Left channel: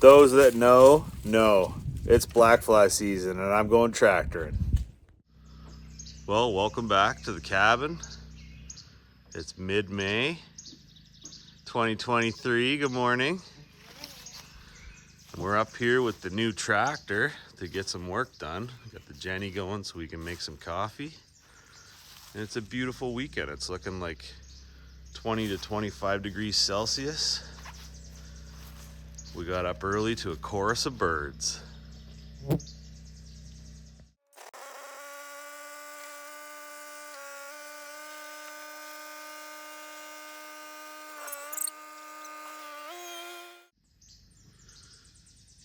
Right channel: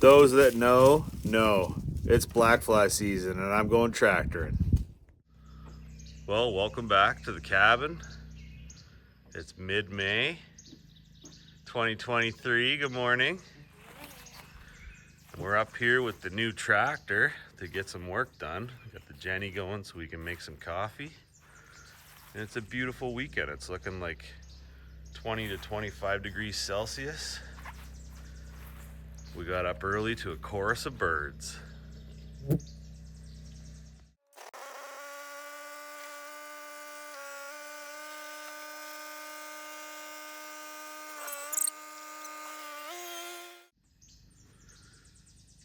Those that know, it's black fly season and I'm going tractoring. Well, welcome back to the cabin. It's mid-May 2023. Good morning. And we're up here with the new tractor to get some work done. Got the Jenny going so we can make some coffee. And it's a beautiful weekend. It's looking like 20 to 25 degrees Celsius. We got up early to a chorus of birds.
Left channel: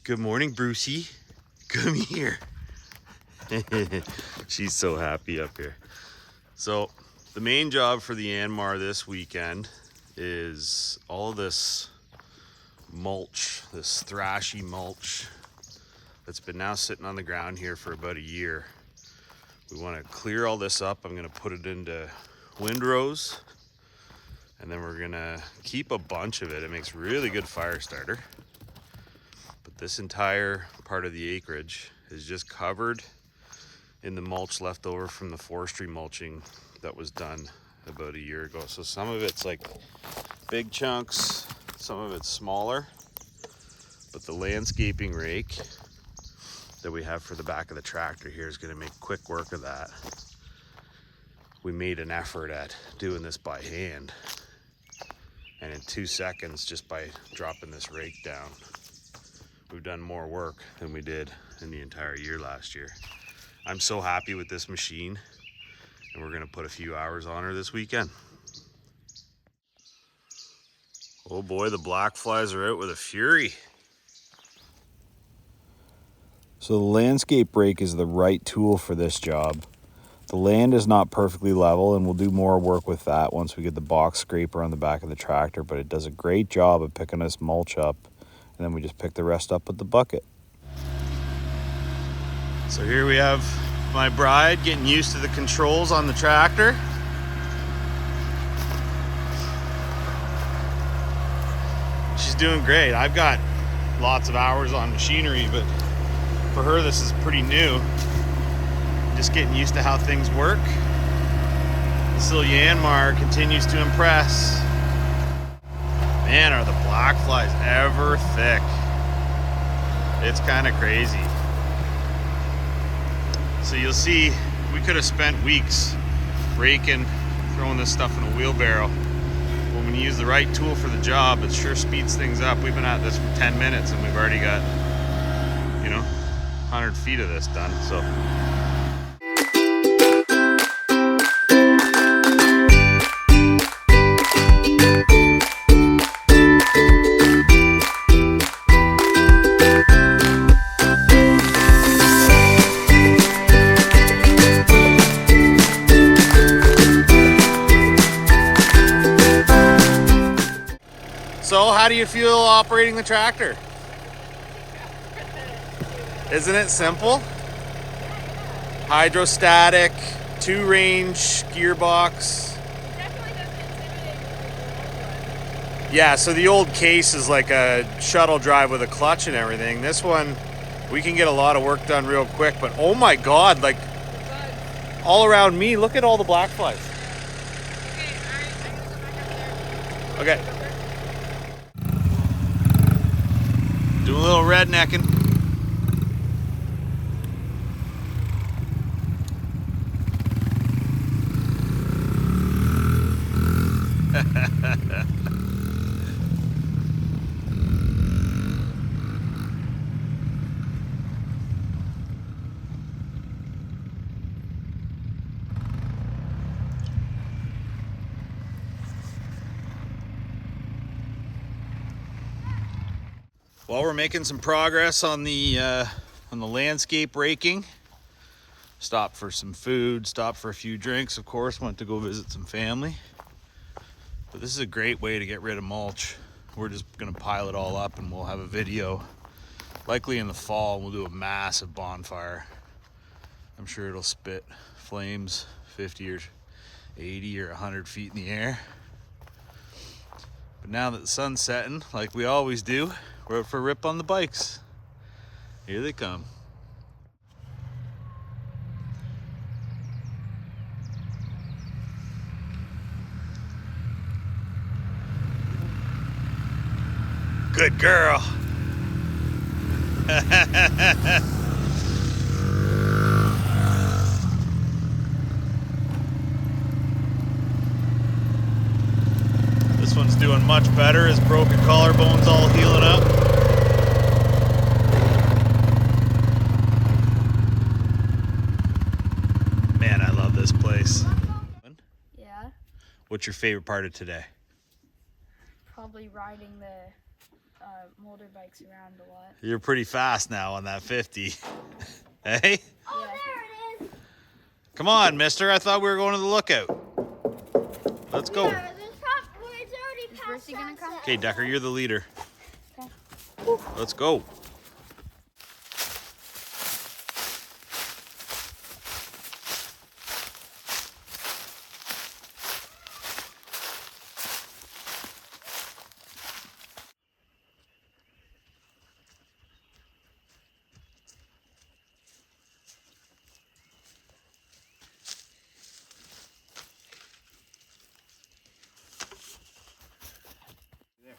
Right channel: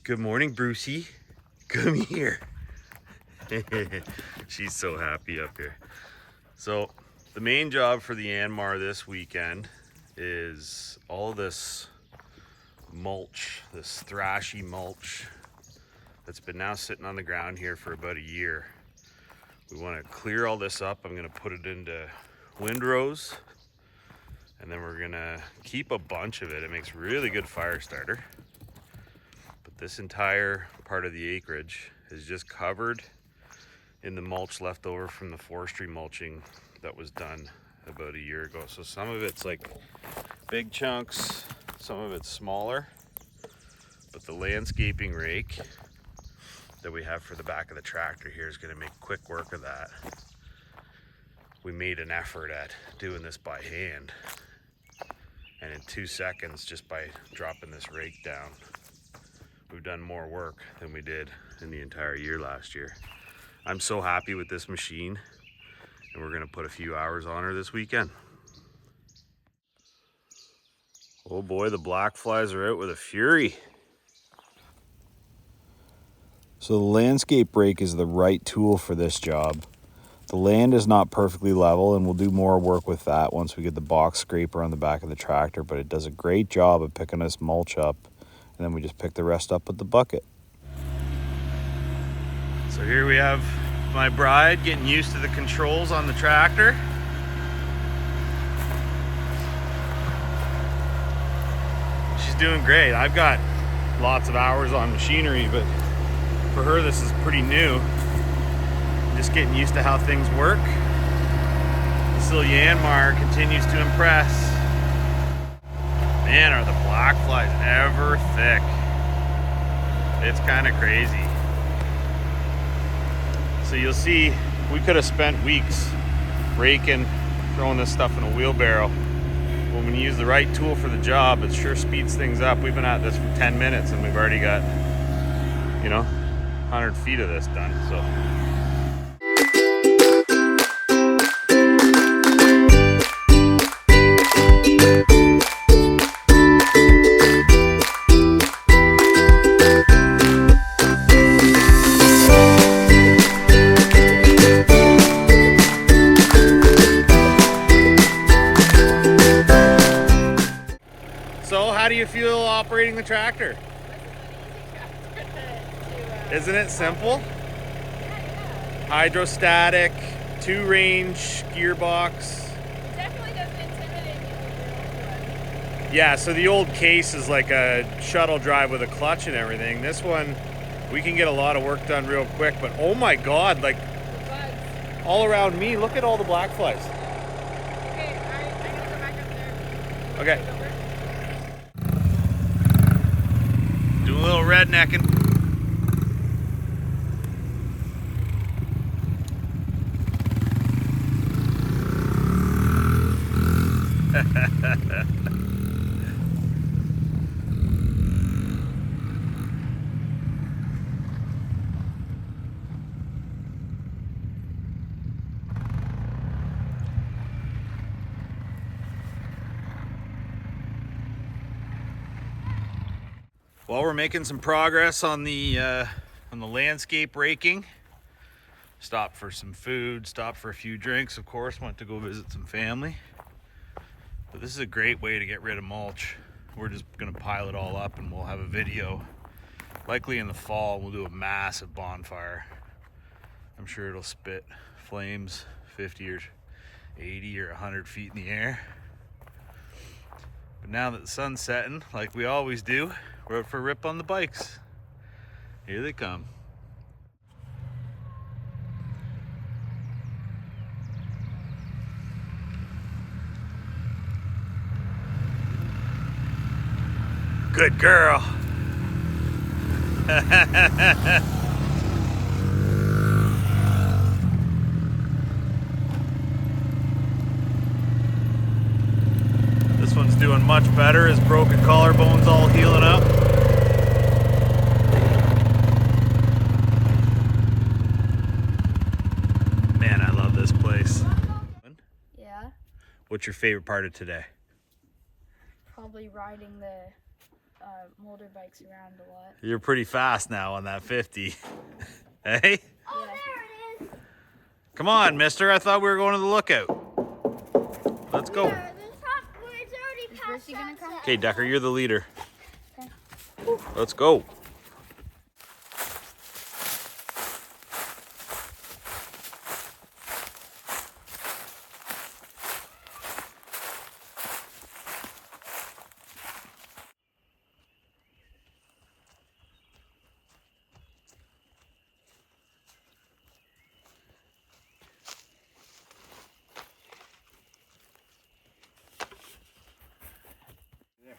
Good morning, Brucey. Come here. She's so happy up here. So the main job for the Yanmar this weekend is all of this mulch, this thrashy mulch that's been now sitting on the ground here for about a year. We want to clear all this up. I'm going to put it into windrows, and then we're going to keep a bunch of it. It makes really good fire starter. But this entire part of the acreage is just covered in the mulch left over from the forestry mulching that was done about a year ago. So some of it's like big chunks, some of it's smaller, but the landscaping rake that we have for the back of the tractor here is going to make quick work of that. We made an effort at doing this by hand, and in 2 seconds, just by dropping this rake down, we've done more work than we did in the entire year last year. I'm so happy with this machine, and we're gonna put a few hours on her this weekend. Oh boy, the black flies are out with a fury. So the landscape rake is the right tool for this job. The land is not perfectly level, and we'll do more work with that once we get the box scraper on the back of the tractor, but it does a great job of picking this mulch up, and then we just pick the rest up with the bucket. So here we have my bride getting used to the controls on the tractor. She's doing great. I've got lots of hours on machinery, but for her this is pretty new. Just getting used to how things work. This little Yanmar continues to impress. Man, are the black flies ever thick. It's kind of crazy. So you'll see, we could have spent weeks raking, throwing this stuff in a wheelbarrow. But when you use the right tool for the job, it sure speeds things up. We've been at this for 10 minutes and we've already got, 100 feet of this done, so. So how do you feel operating the tractor? Isn't it simple? Hydrostatic, 2-range gearbox. It definitely doesn't intimidate me like your old one. Yeah, so the old case is like a shuttle drive with a clutch and everything. This one, we can get a lot of work done real quick, but oh my God, like all around me, look at all the black flies. Okay, I'm gonna go back up there. Okay. Do a little rednecking. Well, we're making some progress on the landscape raking. Stopped for some food, stopped for a few drinks, of course, went to go visit some family. But this is a great way to get rid of mulch. We're just gonna pile it all up and we'll have a video, likely in the fall. We'll do a massive bonfire. I'm sure it'll spit flames 50 or 80 or 100 feet in the air. But now that the sun's setting, like we always do, We're out for a rip on the bikes. Here they come. Good girl. This one's doing much better. His broken collarbone's all healing up. Man, I love this place. Yeah, What's your favorite part of today? probably riding the motorbikes around a lot. You're pretty fast now on that 50. Hey? Yeah. Come on, mister. I thought we were going to the lookout. Let's go. Is Bercy gonna come? Okay, Decker, you're the leader. Okay. Let's go.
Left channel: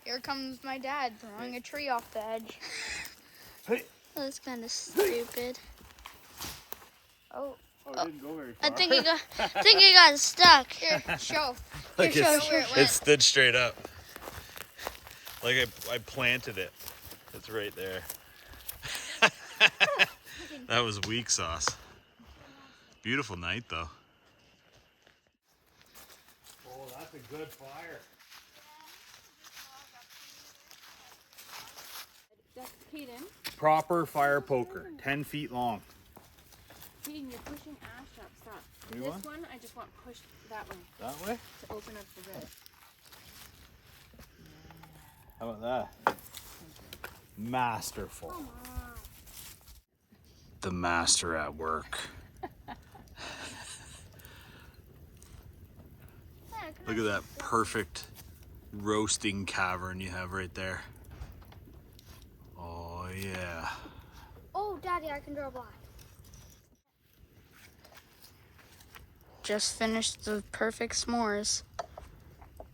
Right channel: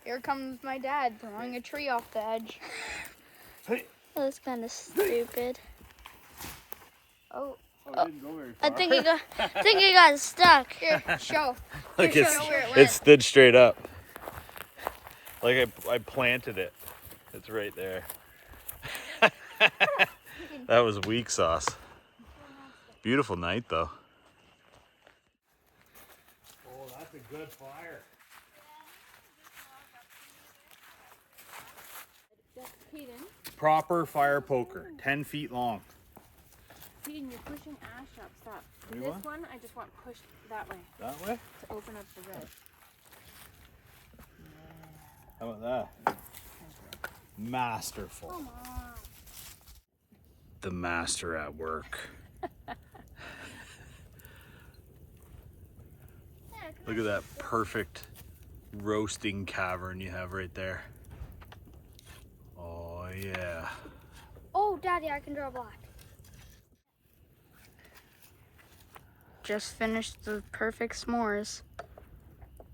Here comes my dad throwing a tree off the edge. That's kind of stupid. Oh, it didn't go very far. I think he got stuck. here, show. Like Here, it's, show. it stood straight up. Like I planted it. It's right there. That was weak sauce. Beautiful night though. Oh, that's a good fire. Hayden, Proper fire poker, 10 feet long. Hayden, you're pushing ash up. Stop. New This one? one, I just want pushed that way That way? to open up the red. How about that? Masterful. Come on. The master at work. Look at that perfect roasting cavern you have right there. Oh yeah. Oh, Daddy, I can draw black. Just finished the perfect s'mores.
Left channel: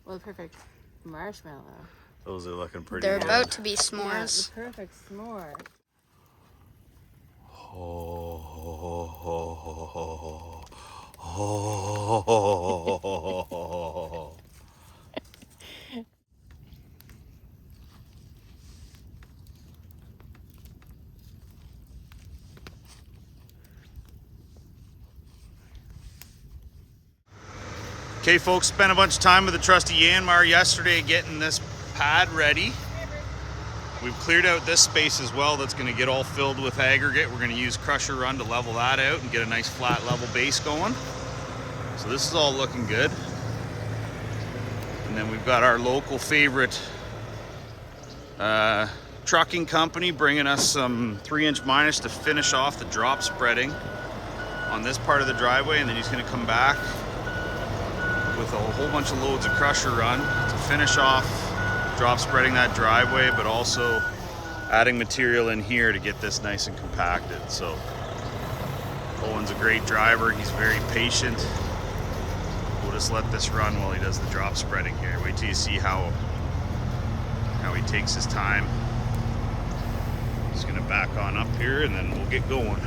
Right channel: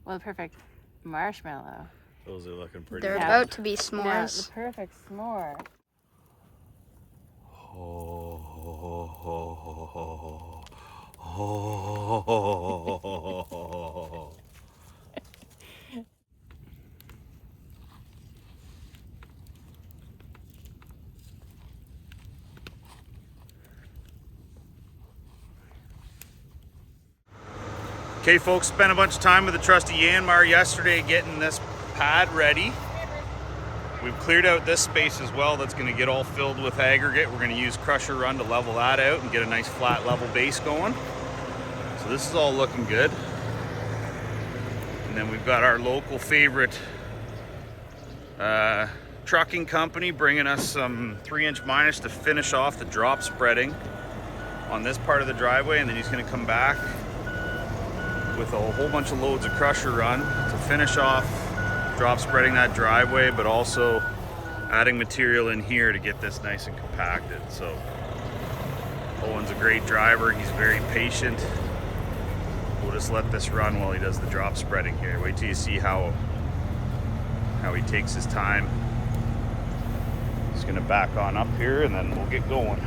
Well, the perfect marshmallow. Those are looking pretty They're good. about to be Yeah, s'mores. the perfect s'more. Okay folks, spent a bunch of time with the trusty Yanmar yesterday getting this pad ready. We've cleared out this space as well. That's gonna get all filled with aggregate. We're gonna use crusher run to level that out and get a nice flat level base going. So this is all looking good. And then we've got our local favorite trucking company bringing us some 3" minus to finish off the drop spreading on this part of the driveway, and then he's gonna come back with a whole bunch of loads of crusher run to finish off drop spreading that driveway, but also adding material in here to get this nice and compacted. So Owen's a great driver. He's very patient. We'll just let this run while he does the drop spreading here. Wait till you see how he takes his time. He's gonna back on up here and then we'll get going.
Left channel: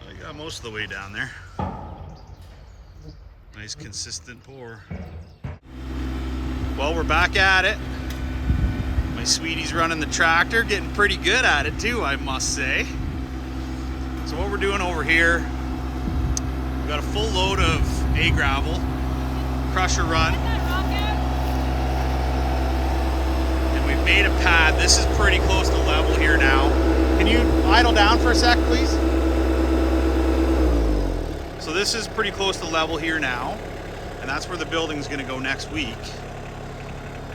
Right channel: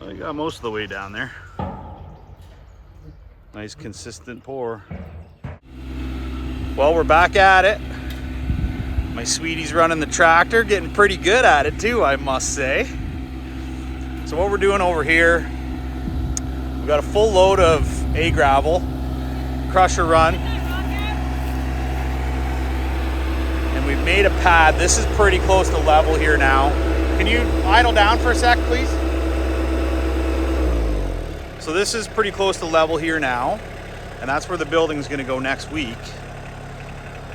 Well, you got most of the way down there. Nice consistent pour. Well, we're back at it. My sweetie's running the tractor, getting pretty good at it too, I must say. So what we're doing over here, we've got a full load of gravel, crusher run. made a pad. This is pretty close to level here now. Can you idle down for a sec, please? So this is pretty close to level here now, and that's where the building's gonna go next week.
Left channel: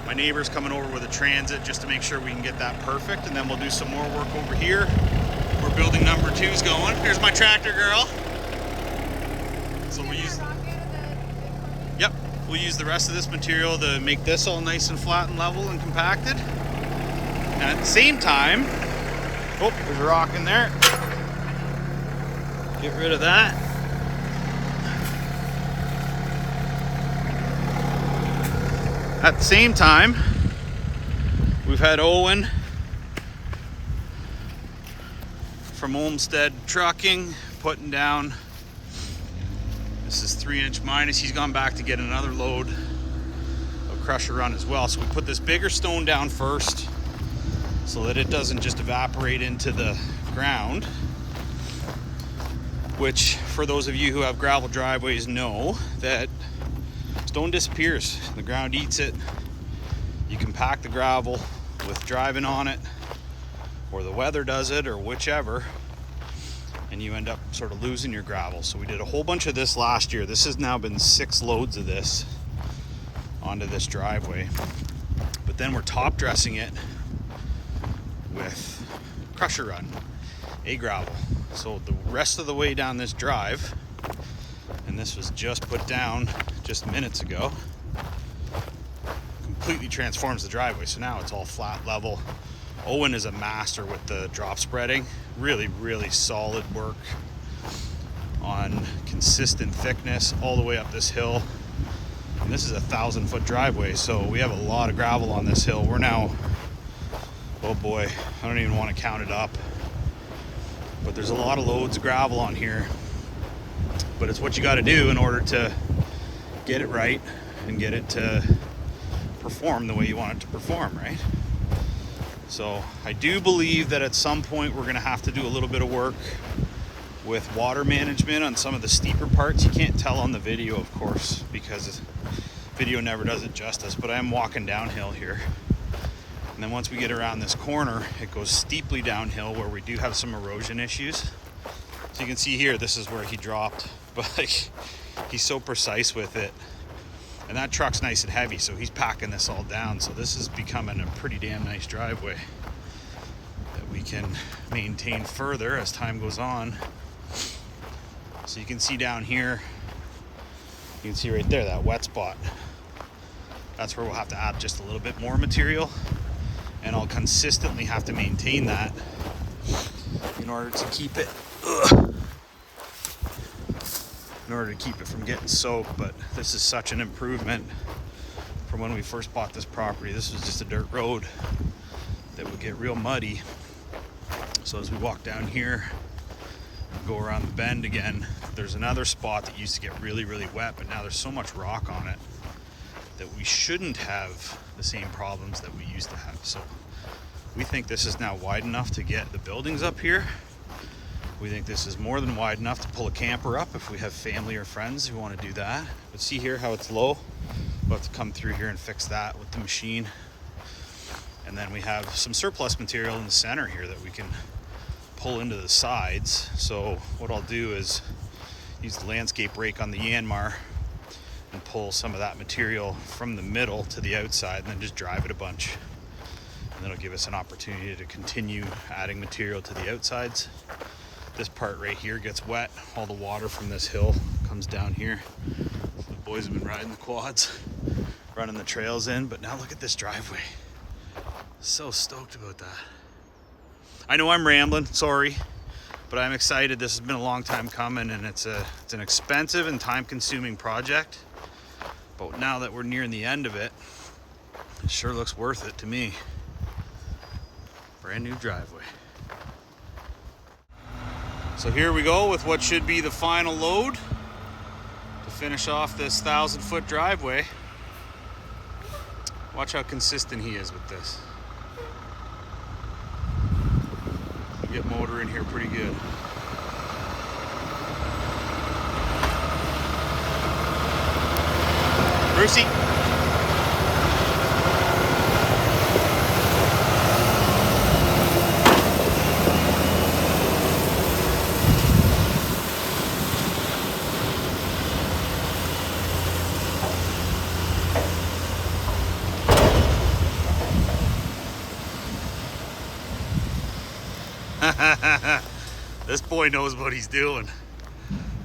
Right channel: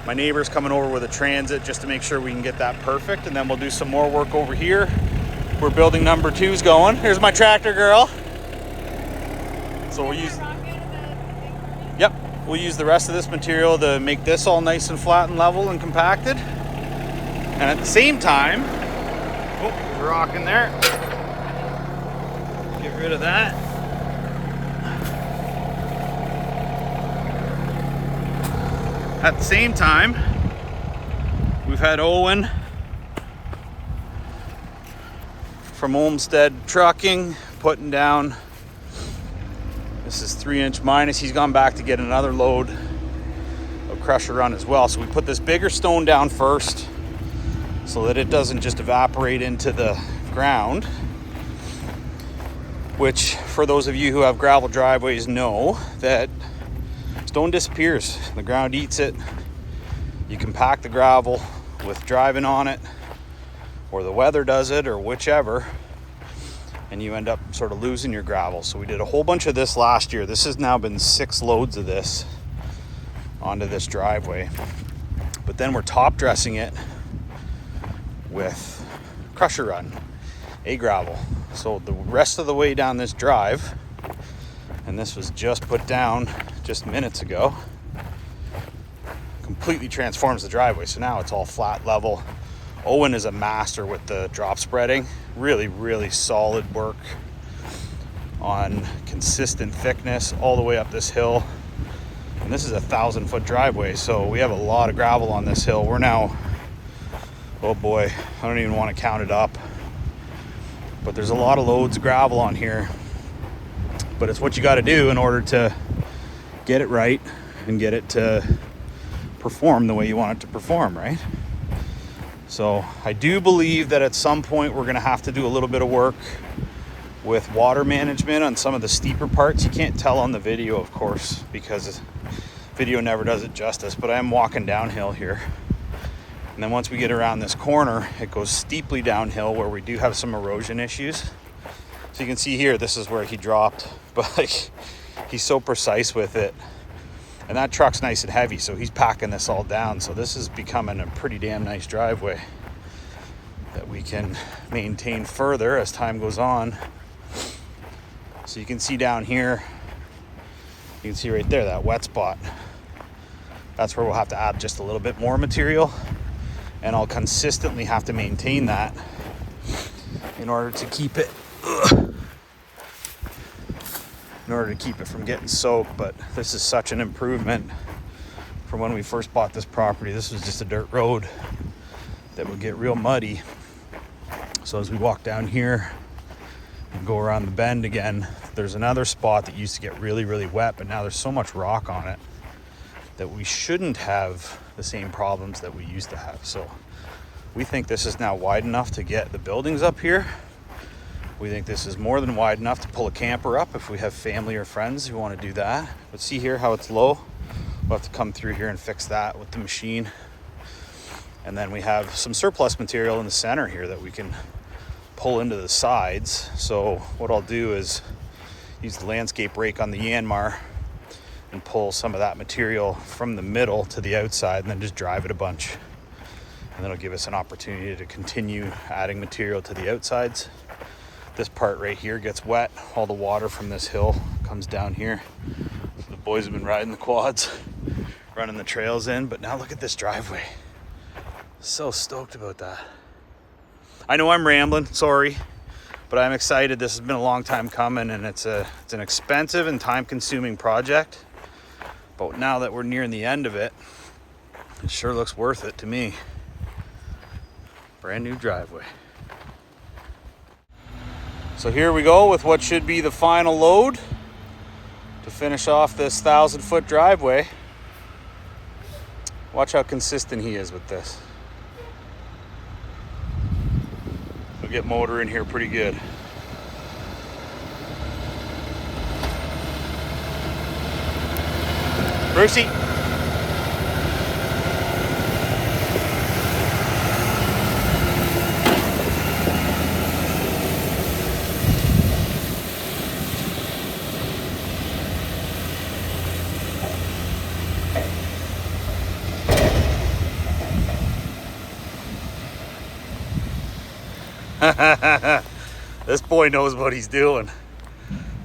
My neighbor's coming over with a transit just to make sure we can get that perfect, and then we'll do some more work over here where building number 2's going. Here's my tractor girl. So we'll use, yep, we'll use the rest of this material to make this all nice and flat and level and compacted. And at the same time, oh, there's a rock in there. Get rid of that. At the same time, we've had Owen from Olmsted Trucking putting down, this is 3" minus. He's gone back to get another load of crusher run as well. So we put this bigger stone down first so that it doesn't just evaporate into the ground, which for those of you who have gravel driveways know that stone disappears, the ground eats it. You compact the gravel with driving on it, or the weather does it, or whichever, and you end up sort of losing your gravel. So we did a whole bunch of this last year. This has now been 6 loads of this onto this driveway. But then we're top dressing it with crusher run, gravel. So the rest of the way down this drive, and this was just put down just minutes ago, completely transforms the driveway. So now it's all flat level. Owen is a master with the drop spreading. Really, really solid work on consistent thickness all the way up this hill. And this is a 1,000-foot driveway, so we have a lot of gravel on this hill. We're now, oh boy, I don't even want to count it up, but there's a lot of loads of gravel on here. But it's what you got to do in order to get it right and get it to perform the way you want it to perform, right? So I do believe that at some point we're going to have to do a little bit of work with water management on some of the steeper parts. You can't tell on the video, of course, because video never does it justice, but I am walking downhill here. And then once we get around this corner, it goes steeply downhill where we do have some erosion issues. So you can see here, this is where he dropped, but like, he's so precise with it. And that truck's nice and heavy, so he's packing this all down. So this is becoming a pretty damn nice driveway that we can maintain further as time goes on. So you can see down here, you can see right there, that wet spot. That's where we'll have to add just a little bit more material, and I'll consistently have to maintain that in order to keep it from getting soaked. But this is such an improvement from when we first bought this property. This was just a dirt road that would get real muddy. So as we walk down here and go around the bend again, there's another spot that used to get really, really wet, but now there's so much rock on it that we shouldn't have the same problems that we used to have. So we think this is now wide enough to get the buildings up here. We think this is more than wide enough to pull a camper up if we have family or friends who want to do that. But see here how it's low? We'll have to come through here and fix that with the machine. And then we have some surplus material in the center here that we can pull into the sides. So what I'll do is use the landscape rake on the Yanmar and pull some of that material from the middle to the outside, and then just drive it a bunch. And that'll give us an opportunity to continue adding material to the outsides. This part right here gets wet. All the water from this hill comes down here. The boys have been riding the quads, running the trails in, but now look at this driveway. So stoked about that. I know I'm rambling, sorry, but I'm excited. This has been a long time coming, and it's an expensive and time-consuming project. But now that we're nearing the end of it, it sure looks worth it to me. Brand new driveway. So here we go with what should be the final load to finish off this 1,000-foot driveway. Watch how consistent he is with this. We'll get motor in here pretty good. Brucey. This boy knows what he's doing.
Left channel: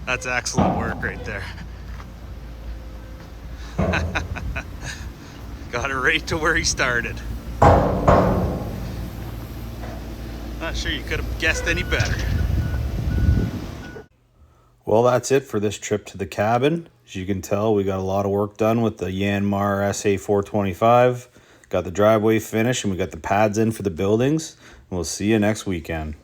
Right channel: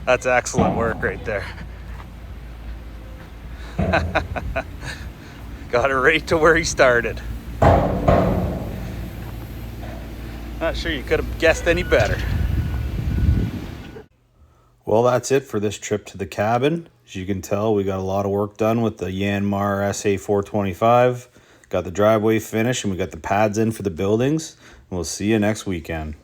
That's excellent work right there. Got it right to where he started. Not sure you could have guessed any better. Well, that's it for this trip to the cabin. As you can tell, we got a lot of work done with the Yanmar SA425. Got the driveway finished and we got the pads in for the buildings. We'll see you next weekend.